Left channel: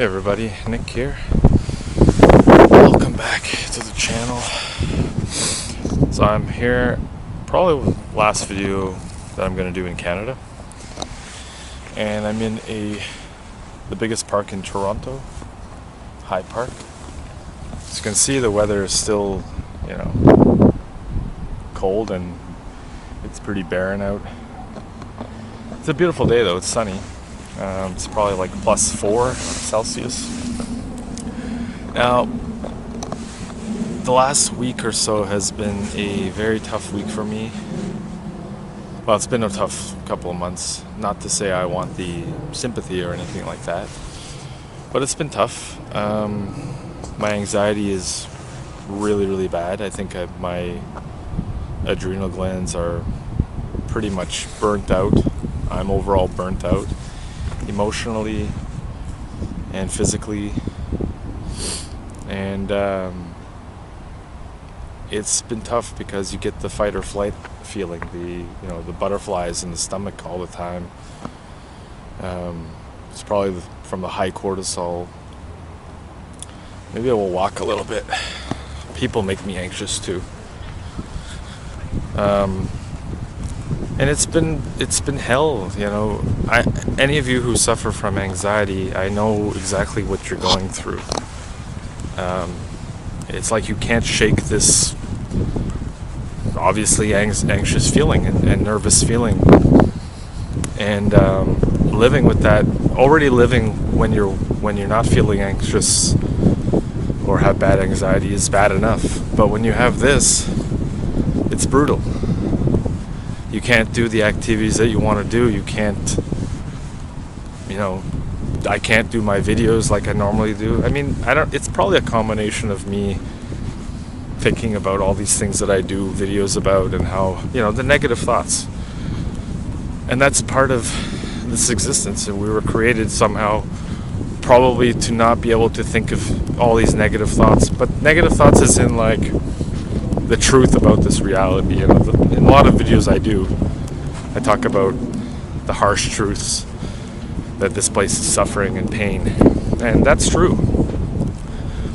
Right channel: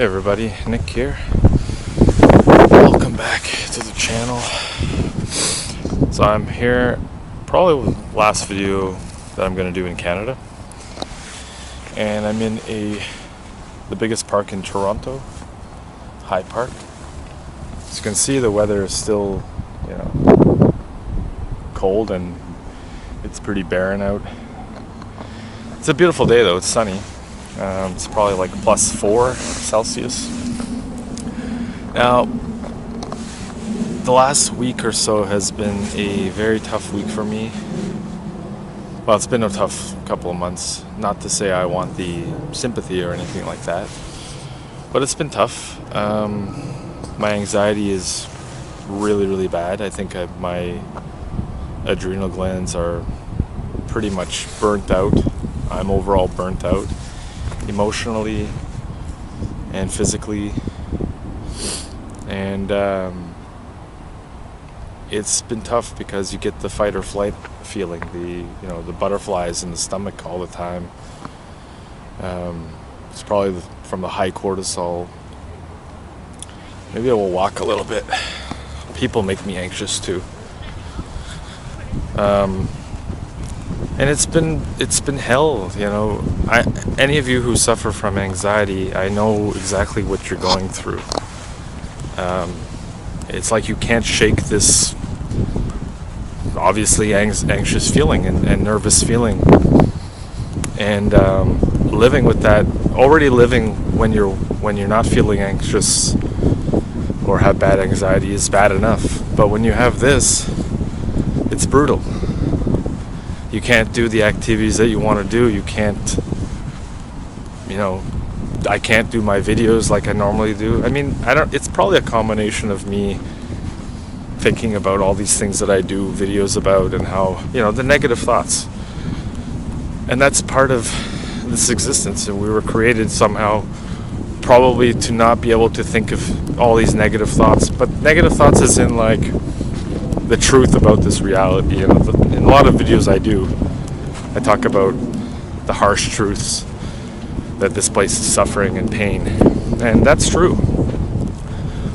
Hey everybody, Nick here. Welcome back to the channel. So I'm here, probably with the last video that I'm going to do in Canada. And I'm in the biggest park in Toronto, High Park. As you can see, the weather is still, cold and it's pretty barren out. It's a beautiful day though, it's sunny. It's probably like +4 Celsius. Now, the last week or so has been a very tough week for me. Well, it's been a tough couple of months. Not to say I want the sympathy or anything like that, but it's been tough. My anxiety is really, really bad. I think my adrenal glands are pretty much burnt out. I'm overall burnt out, emotionally and physically, and it's been tough because you get the fight or flight feeling, the butterflies in the stomach all the time. It's probably from the high cortisol. Maybe I will walk a little bit. People make me anxious too. And it's been hell, any of you who suffer from anxiety, I know exactly what you're going through. It's like you can't shake this obviously anxious feeling and nervous feeling, and living with that. Already living when you're not feeling anxious or have bad anxiety is bad enough, but when you have this, it's brutal. You can't do the activities that you want to do. You can't, I can't do my videos like I normally do. I mean, it's probably a combination of me thinking about all these things that I do videos about, and how, the negative thoughts. And that's part of this existence. And we were created somehow probably to not be able to think of all these negative thoughts, but negative thoughts as in like the truth about this reality. In a lot of videos I talk about the harsh truths, that this place is suffering and pain, and that's true.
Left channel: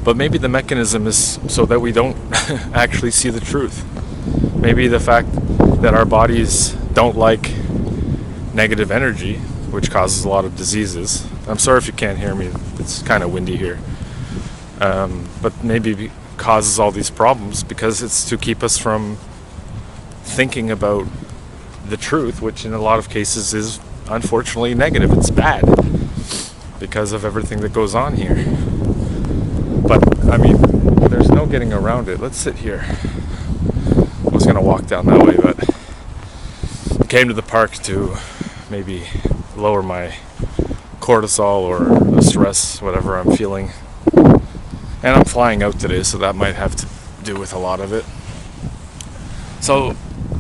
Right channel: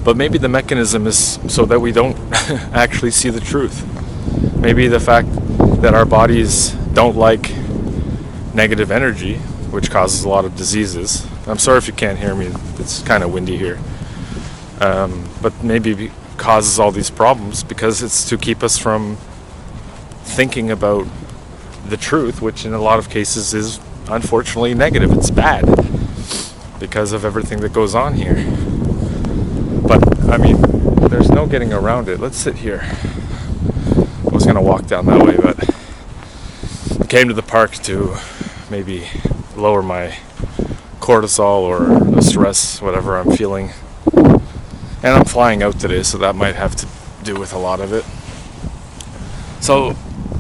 But maybe the mechanism is so that we don't actually see the truth. Maybe the fact that our bodies don't like negative energy, which causes a lot of diseases. I'm sorry if you can't hear me, it's kind of windy here. But maybe causes all these problems because it's to keep us from thinking about the truth, which in a lot of cases is unfortunately negative. It's bad because of everything that goes on here. But I mean, there's no getting around it. Let's sit here. I was gonna walk down that way, but I came to the park to maybe lower my cortisol or the stress, whatever I'm feeling. And I'm flying out today, so that might have to do with a lot of it. So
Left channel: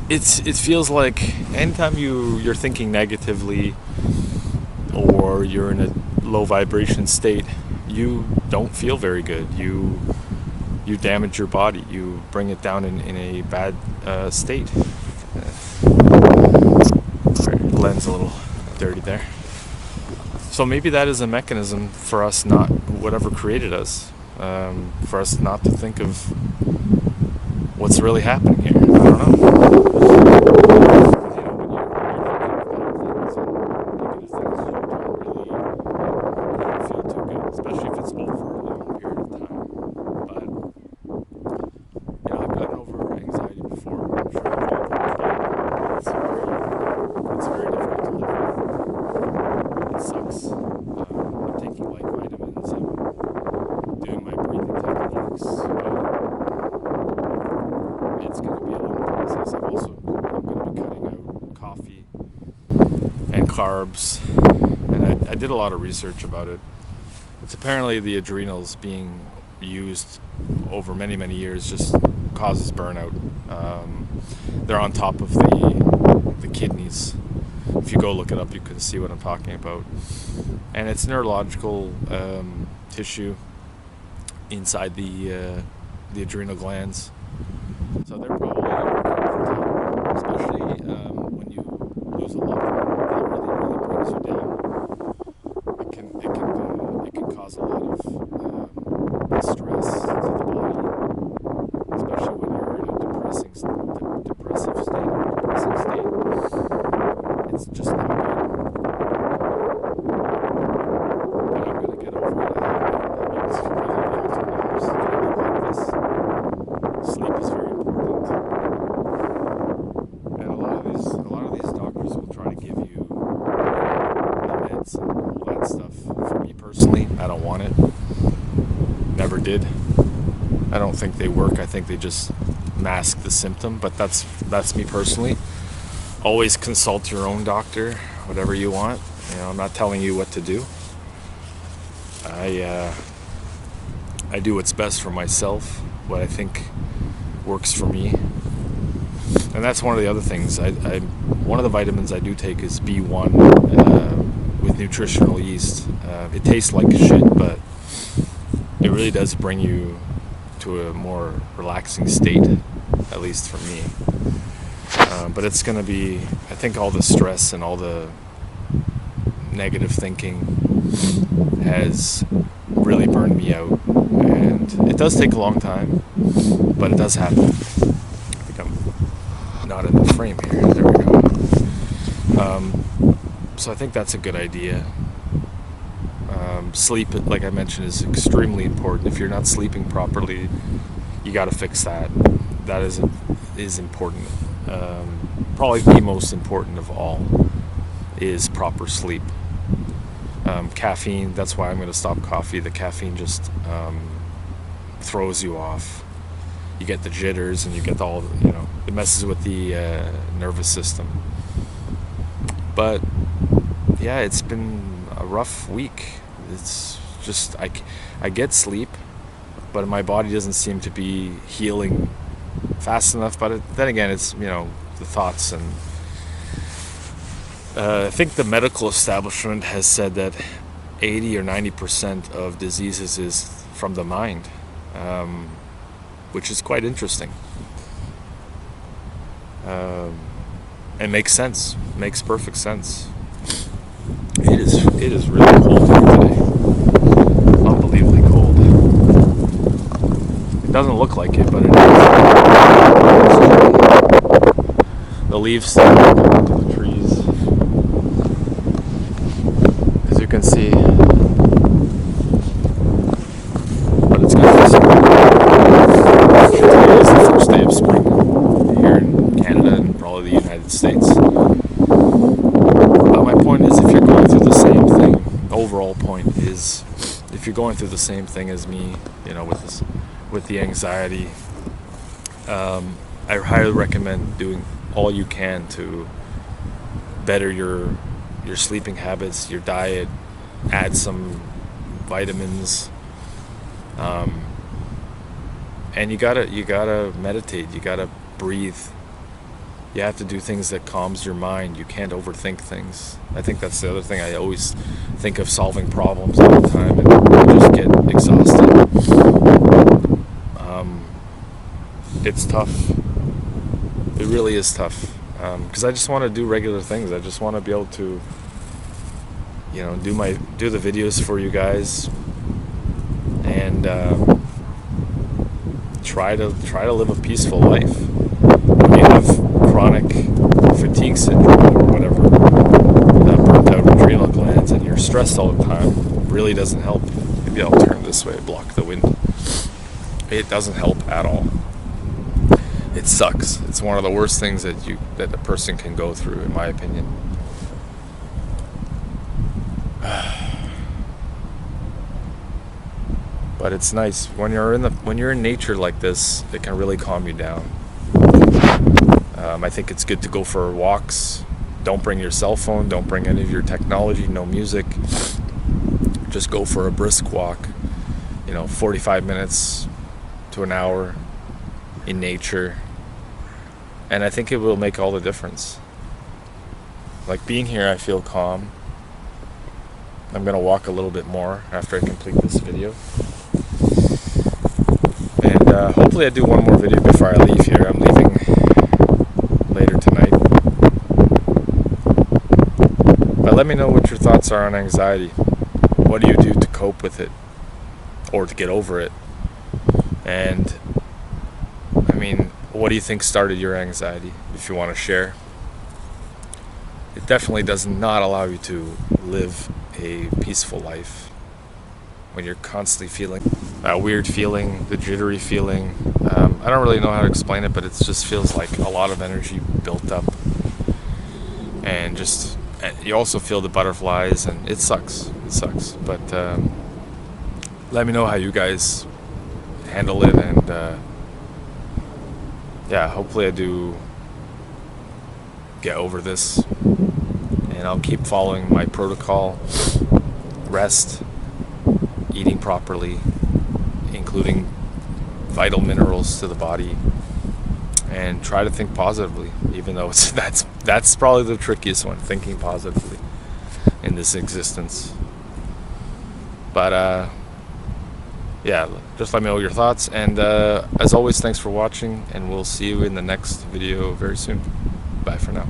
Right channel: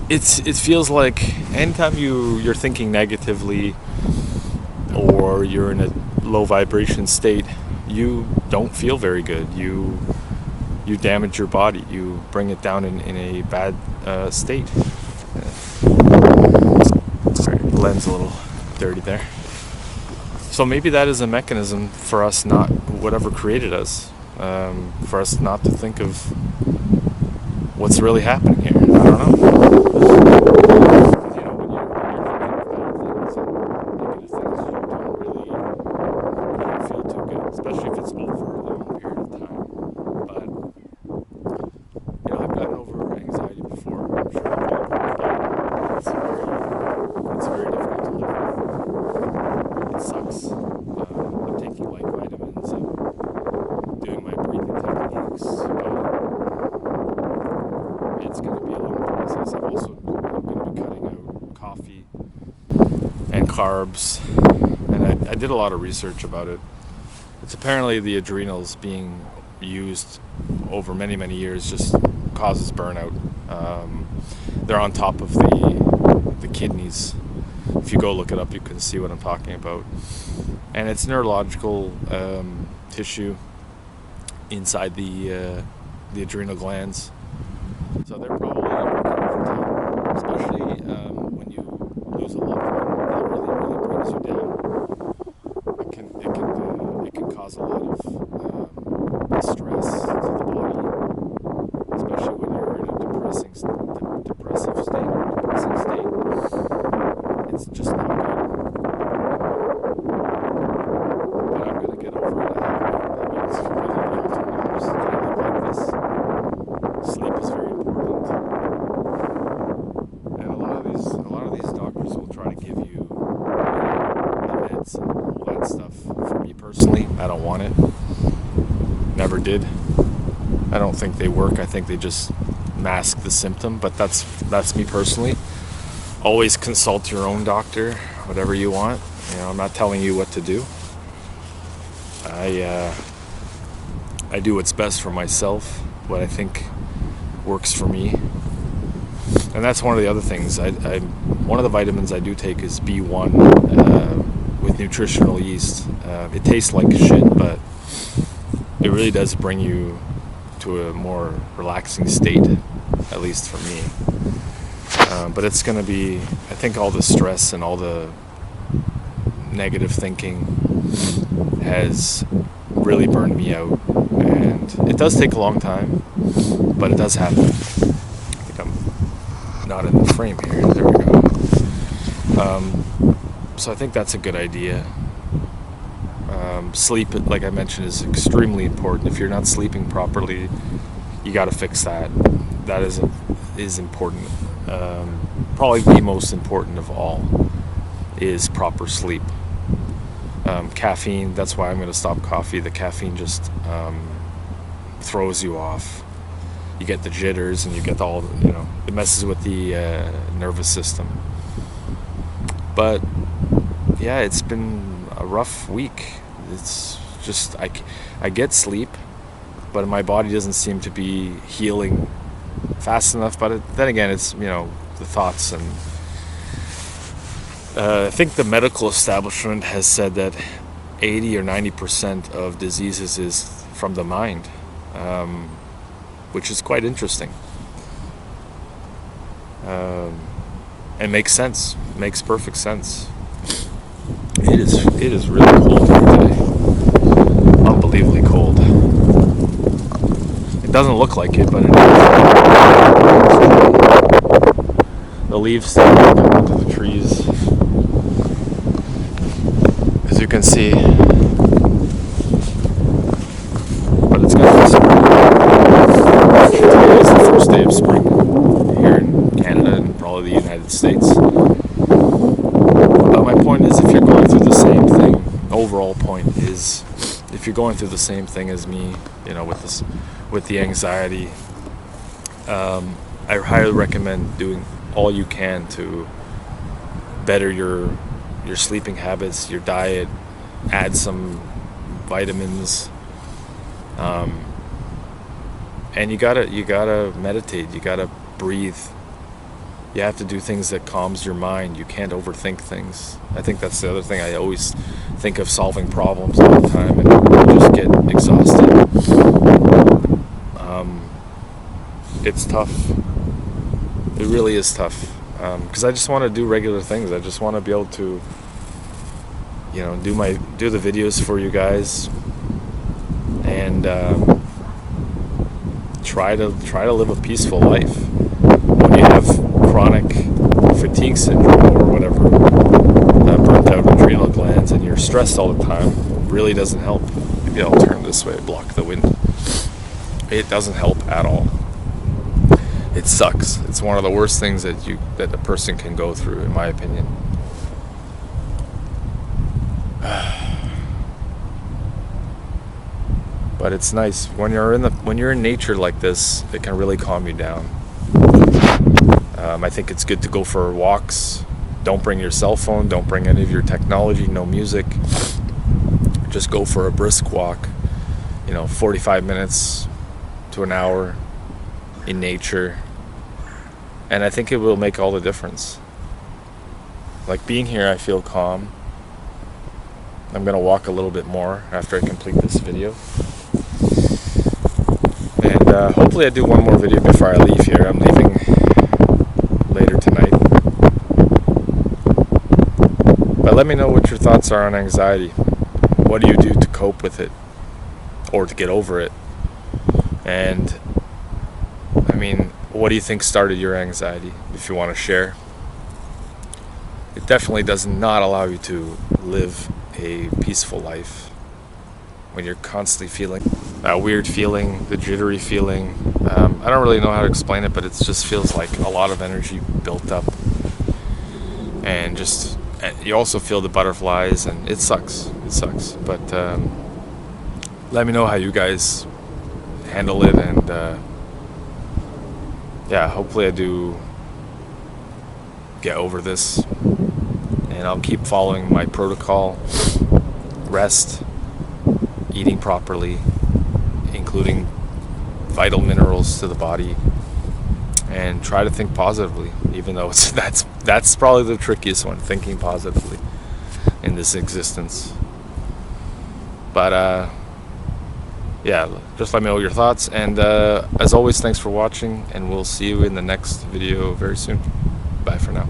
it feels like anytime you're thinking negatively, or you're in a low vibration state, you don't feel very good. You damage your body. You bring it down in a bad state. Sorry, the lens a little dirty there. So maybe that is a mechanism for us, not whatever created us. For us not to think of what's really happening here. I don't know. Because when you're thinking of bad things and negative things, you don't feel too good, especially if it's over a long period of time. But I've gotten over anxiety before. I'm sure I'll get over it again. It's very difficult to live with. It sucks. I'm taking like vitamins. I'm doing my breathing techniques, but it's going to be a long process. I'm going to be cutting out coffee and carbs, and I did a lot of research about it. It's apparently the adrenals being used over many, many years just causes burnout. They're on top of the kidneys. If you go look it up, you can see what I'm talking about. And it's neurological tissue inside the adrenal glands. So they're probably working overtime, especially when you lose a loved one. That really, really brings you down. it can cause a lot of stress to the body, especially when you're in a depressive state or depressing state. It's just not good. But I'm gonna get over it. I mean, it's one of the alternatives. Can I live like this? Sleep is very important, and a lot of these doctors will try to give you, the meds and all that stuff. For me personally, I don't want it. Never did. I don't think they work. I think they just mask the symptom. But that's me personally. Always consult your own doctor, whatever you want. I'm not telling you what to do. I do what's best for myself, what I think works for me. And that's one of the other things. One of the vitamins I do take is B1 with nutritional yeast. It tastes like shit, but it really does bring you to a more relaxing state, at least for me. But it's going to be, I think all the stress and all the negative thinking has really burned me out. And it does take a long time, but it does happen. I think I'm not in the frame here. There we go. So I think that's a good idea. Sleep, like I mentioned, is extremely important. If you're not sleeping properly, you got to fix that. That is important. Probably the most important of all is proper sleep. Caffeine, that's why I'm going to stop coffee. The caffeine just throws you off. You get the jitters and you get all, it messes with the nervous system. But yeah, it's been a rough week. It's just, I get sleep, but my body doesn't seem to be healing fast enough. But then again, it's, the thoughts. And I think the medical establishment has said that 80 or 90% of diseases is from the mind, which is quite interesting. It makes sense. Makes perfect sense. It is really cold here today. Unbelievably cold. It doesn't look like it, but it is. The leaves starting to come onto the trees. As you can see. But it's gonna be spring. Today is the first day of spring here in Canada and probably the United States. But my point is, if you're going through the same thing, overall point is, if you're going through the same thing as me, with the anxiety, I highly recommend doing all you can to better your sleeping habits, your diet, add some vitamins, and you gotta meditate, you gotta breathe. You have to do things that calms your mind. You can't overthink things. I think that's the other thing. I always think of solving problems all the time, and I just get exhausted. It's tough. It really is tough. Because I just want to do regular things. I just want to be able to, do the videos for you guys, and try to live a peaceful life. When you have chronic fatigue syndrome or whatever, burnt out adrenal glands, and you're stressed all the time, really doesn't help. Maybe I'll turn this way, block the wind. It doesn't help at all. It sucks. It's one of the worst things that a person can go through, in my opinion. But it's nice when you're in nature like this. It can really calm you down. I think it's good to go for walks. Don't bring your cell phone. Don't bring any of your technology. No music. Just go for a brisk walk. 45 minutes to an hour in nature. And I think it will make all the difference. Like being here, I feel calm. I'm going to walk a little bit more after I complete this video. And hopefully I do one more video before I leave here. I'm leaving later tonight. But let me know what your thoughts are on anxiety. what do you do to cope with it or to get over it? And I mean, what do you think started your anxiety, if you want to share? It definitely does not allow you to live a peaceful life when you're constantly feeling that weird feeling, the jittery feeling. I don't really know how to explain it, but it just feels like a lot of energy built up. And you also feel the butterflies, and it sucks. It sucks. But let me know how you guys handle it, and yeah, hopefully I do get over this, and I'll keep following my protocol: rest, eating properly, including vital minerals to the body, and try to think positively, even though that's probably the trickiest one, thinking positively in this existence. But yeah, just let me know your thoughts, and as always, thanks for watching, and we'll see you in the next video very soon. Bye for now.